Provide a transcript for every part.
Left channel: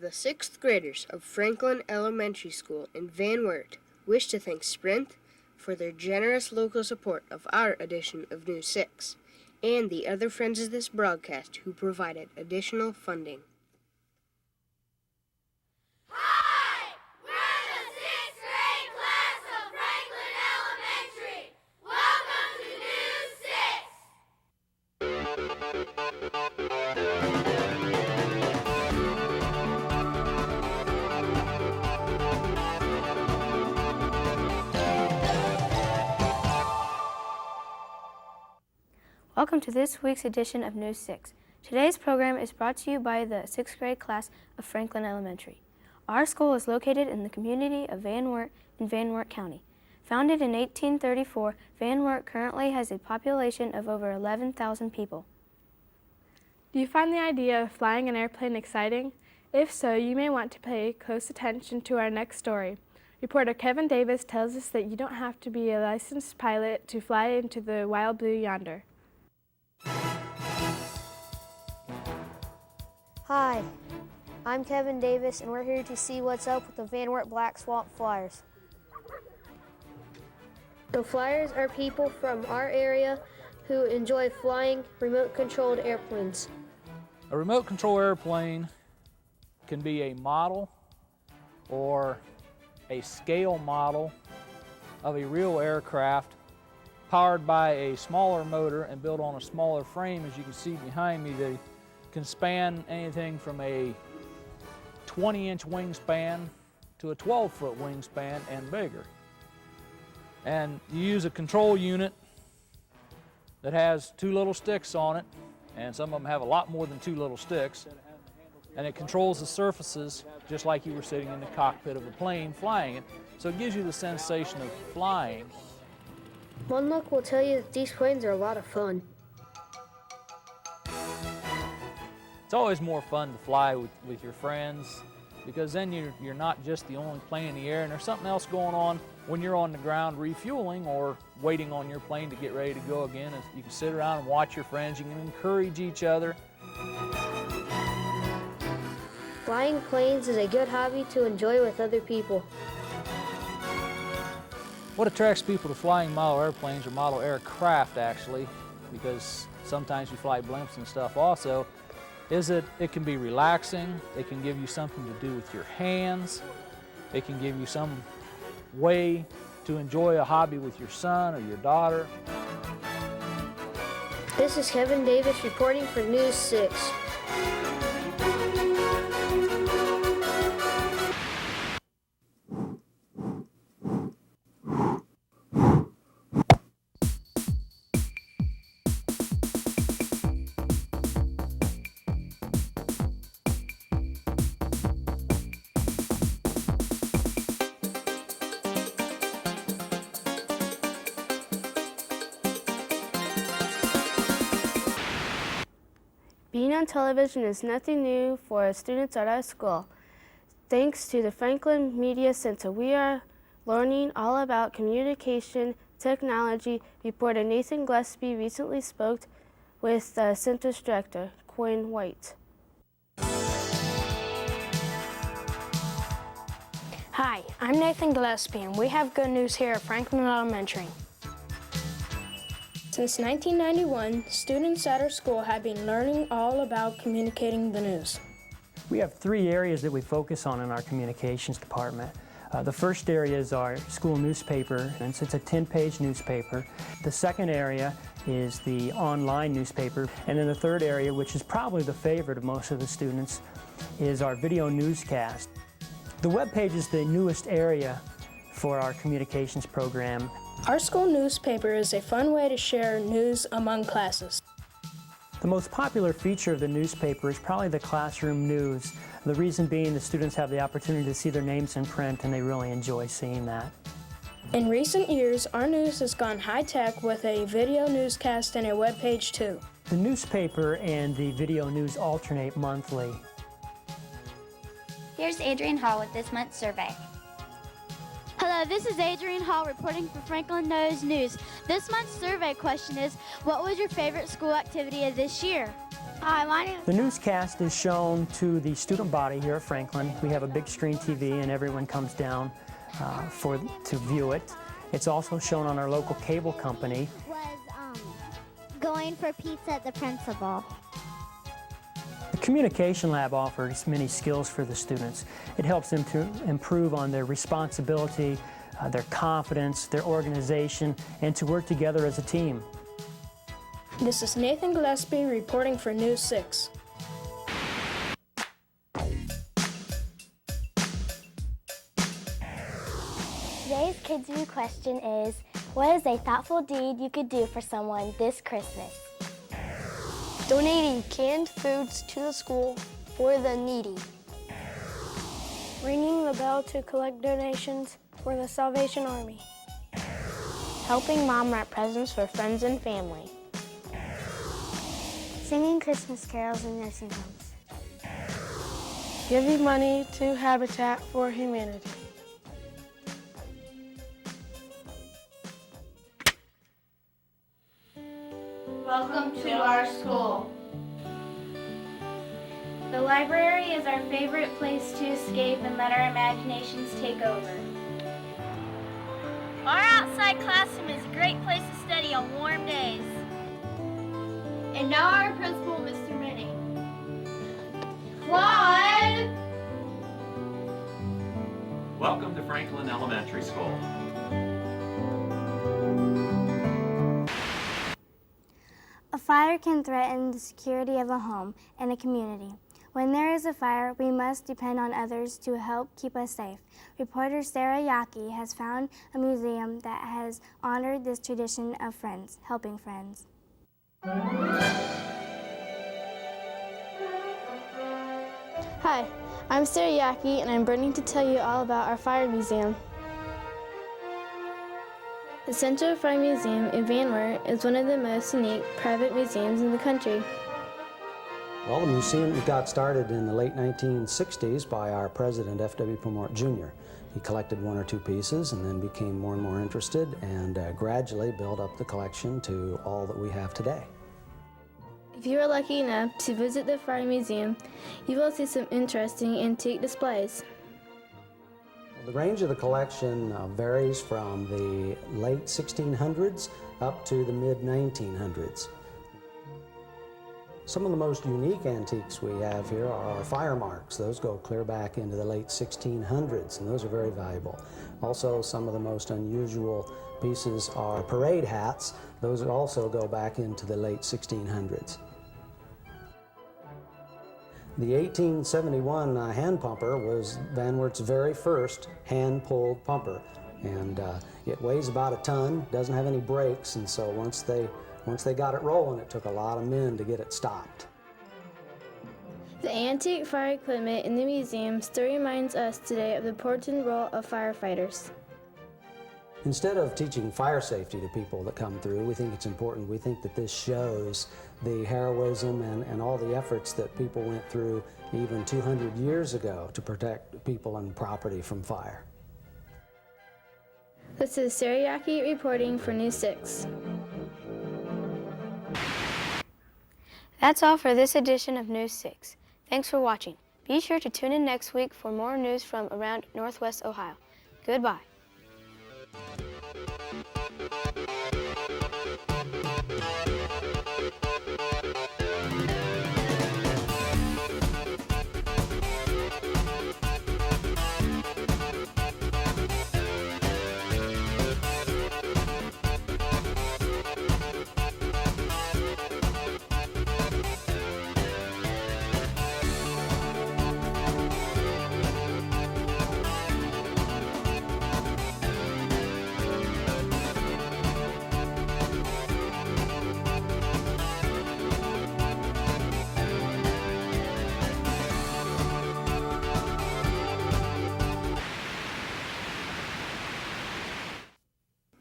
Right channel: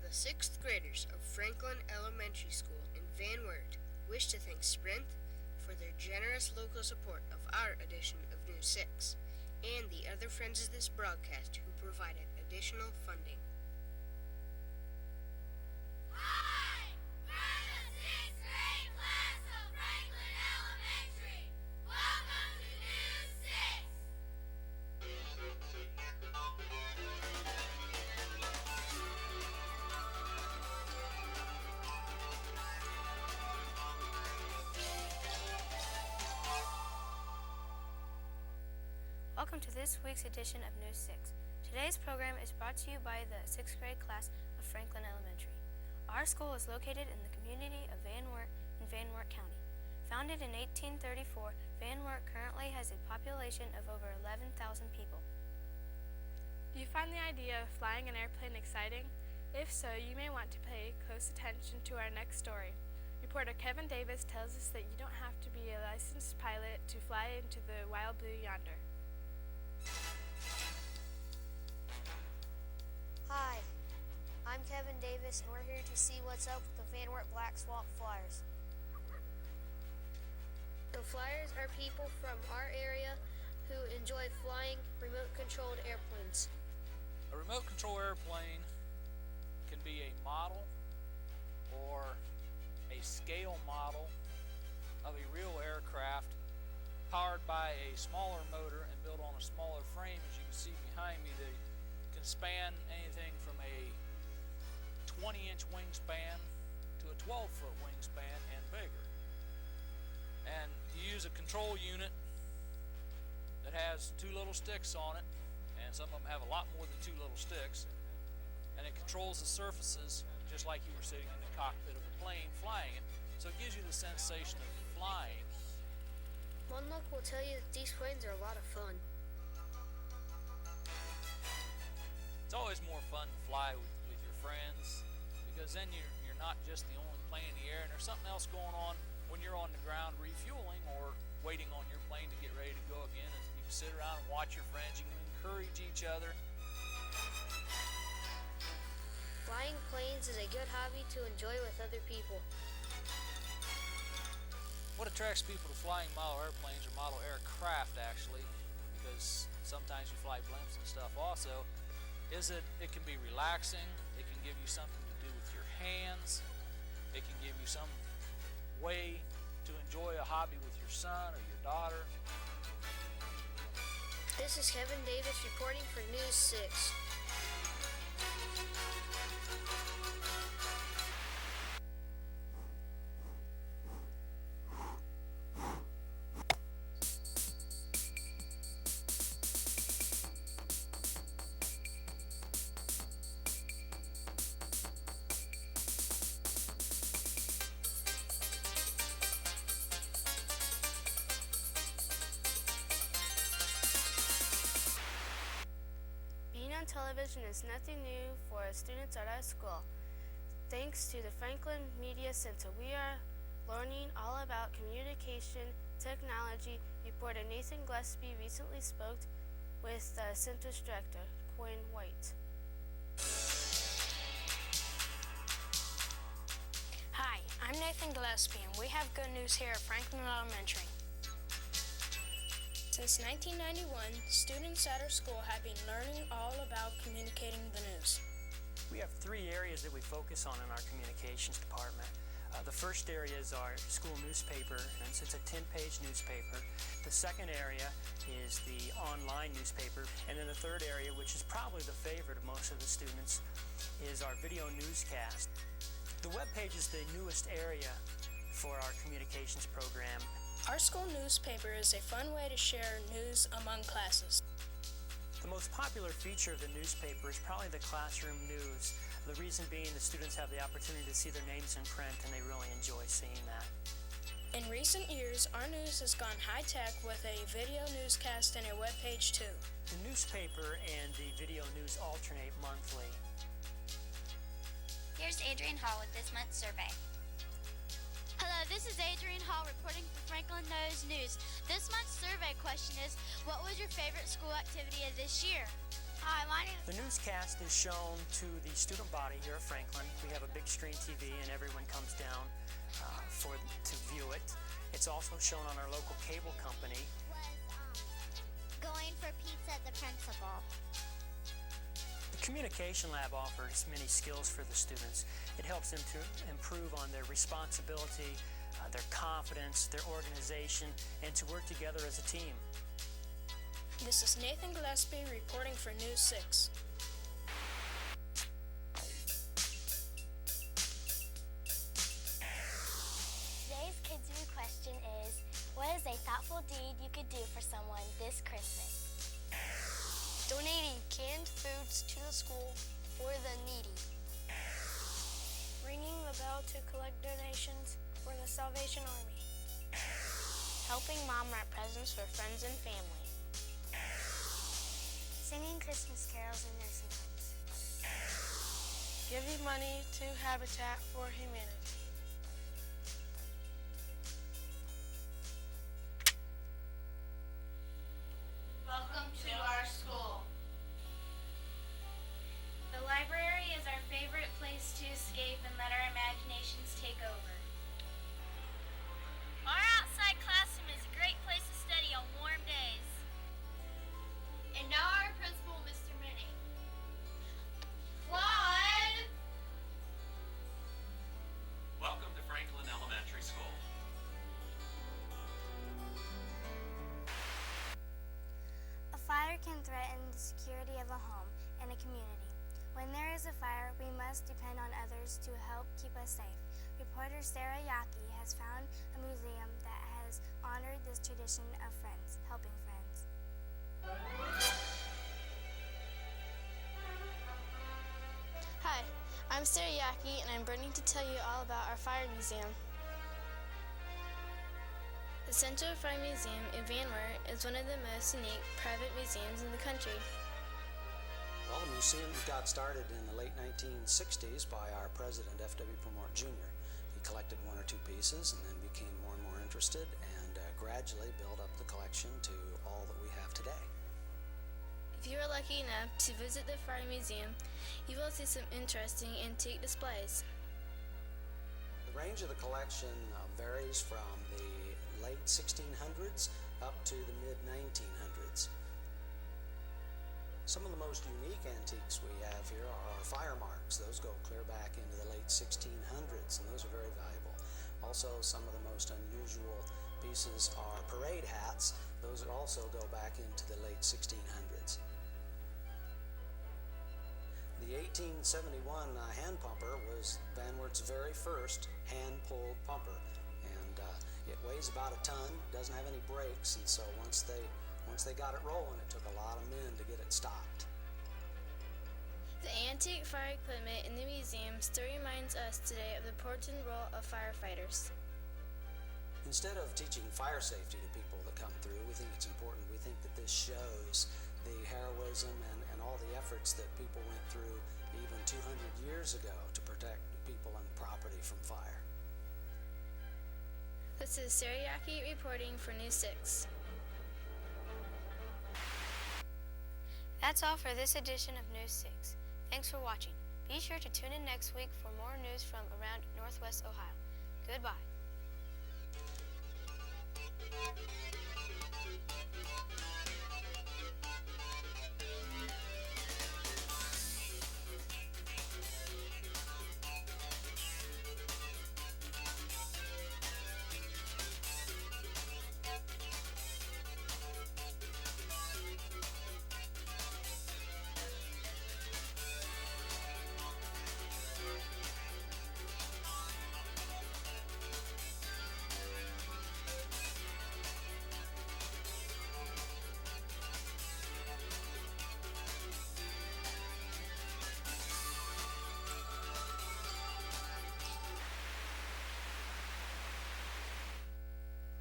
The 6th graders of Franklin Elementary School in Van Wert wish to thank Sprint for their generous local support of our edition of News 6 and the other friends of this broadcast who provided additional funding. Hi! We're the 6th grade class of Franklin Elementary. Welcome to News 6. Welcome to this week's edition of News 6. Today's program is brought to you by the 6th grade class of Franklin Elementary. Our school is located in the community of Van Wert in Van Wert County. Founded in 1834, Van Wert currently has a population of over 11,000 people. Do you find the idea of flying an airplane exciting? If so, you may want to pay close attention to our next story. Reporter Kevin Davis tells us that you don't have to be a licensed pilot to fly into the wild blue yonder. Hi, I'm Kevin Davis, and we're here to see what's up with the Van Wert Black Swamp Flyers. The Flyers are people from our area who enjoy flying remote-controlled airplanes. A remote-control airplane can be a model or a scale model of a real aircraft powered by a smaller motor and built on a smaller frame. As you can see behind me, they can span anything from a 20-inch wingspan to a 12-foot wingspan and bigger. And you use a control unit that has 2 little sticks on it, and some of them have a lot more than 2 little sticks, and it controls the surfaces just like you were sitting in the cockpit of a plane flying it. So it gives you the sensation of flying. One look will tell you that these planes are a lot of fun. It's always more fun to fly with your friends, because then you're not just the only plane in the air, and there's something else going on when you're on the ground refueling or waiting on your plane to get ready to go again. You can sit around and watch your friends. You can encourage each other. Flying planes is a good hobby to enjoy with other people. What attracts people to flying model airplanes or model aircraft, actually, because sometimes you fly blimps and stuff also, is that it can be relaxing. It can give you something to do with your hands. It can give you some way to enjoy a hobby with your son or your daughter. This is Kevin Davis reporting for News 6. Being on television is nothing new for students at our school. Thanks to the Franklin Media Center, we are learning all about communication technology. Reporter Nathan Gillespie recently spoke with the center's director, Quinn White. Hi, I'm Nathan Gillespie, and we have good news here at Franklin Elementary. Since 1991, students at our school have been learning all about communicating the news. We have 3 areas that we focus on in our communications department. The first area is our school newspaper, and it's a 10-page newspaper. The second area is the online newspaper, and then the third area, which is probably the favorite of most of the students, is our video newscast. The web page is the newest area for our communications program. Our school newspaper is a fun way to share news among classes. The most popular feature of the newspaper is probably the classroom news. The reason being the students have the opportunity to see their names in print, and they really enjoy seeing that. In recent years, our news has gone high-tech with a video newscast and a web page too. The newspaper and the video news alternate monthly. Here's Adrienne Hall with this month's survey. Hello, this is Adrienne Hall reporting for Franklin Knows News. This month's survey question is, what was your favorite school activity of this year? Hi, my name The newscast is shown to the student body here at Franklin. We have a big screen TV and everyone comes down to view it. It's also shown on our local cable company. was going for pizza at the principal. The Communication Lab offers many skills for the students. It helps them to improve on their responsibility, their confidence, their organization, and to work together as a team. This is Nathan Gillespie reporting for News 6. Today's Kids View question is, what is a thoughtful deed you could do for someone this Christmas? Donating canned foods to the school for the needy. Ringing the bell to collect donations for the Salvation Army. Helping Mom wrap presents for friends and family. Singing Christmas carols in nursing homes. Giving money to Habitat for Humanity. Welcome to our school. The library is our favorite place to escape and let our imaginations take over. Our outside classroom is a great place to study on warm days. And now our principal, Mr. Minnie. Claude! Welcome to Franklin Elementary School. A fire can threaten the security of a home and a community. When there is a fire, we must depend on others to help keep us safe. Reporter Sarah Yaki has found a museum that has honored this tradition of friends, helping friends. Hi, I'm Sarah Yaki, and I'm bringing to tell you all about our fire museum. The Central Fire Museum in Van Wert is one of the most unique private museums in the country. Well, the museum got started in the late 1960s by our president, F.W. Pomort Jr. He collected one or two pieces and then became more and more interested and gradually built up the collection to all that we have today. If you are lucky enough to visit the Fire Museum, you will see some interesting antique displays. The range of the collection varies from the late 1600s up to the mid-1900s. Some of the most unique antiques we have here are our fire marks. Those go clear back into the late 1600s, and those are very valuable. Also, some of the most unusual pieces are parade hats. Those also go back into the late 1600s. The 1871 hand pumper was Van Wert's very first hand-pulled pumper, and it weighs about a ton, doesn't have any brakes, and so once they got it rolling, it took a lot of men to get it stopped. The antique fire equipment in the museum still reminds us today of the important role of firefighters. Instead of teaching fire safety to people that come through, we think it's important. We think that this shows the heroism and all the efforts that people went through even 200 years ago to protect people and property from fire. This is Sarah Yaki reporting for News 6. That's all for this edition of News 6. Thanks for watching. Be sure to tune in next week for more news from around Northwest Ohio. Goodbye.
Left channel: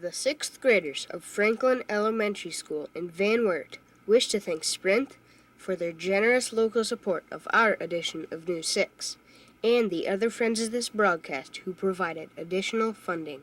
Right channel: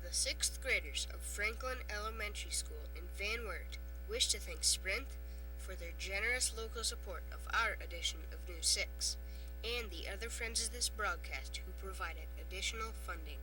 The 6th graders of Franklin Elementary School in Van Wert wish to thank Sprint for their generous local support of our edition of News 6 and the other friends of this broadcast who provided additional funding.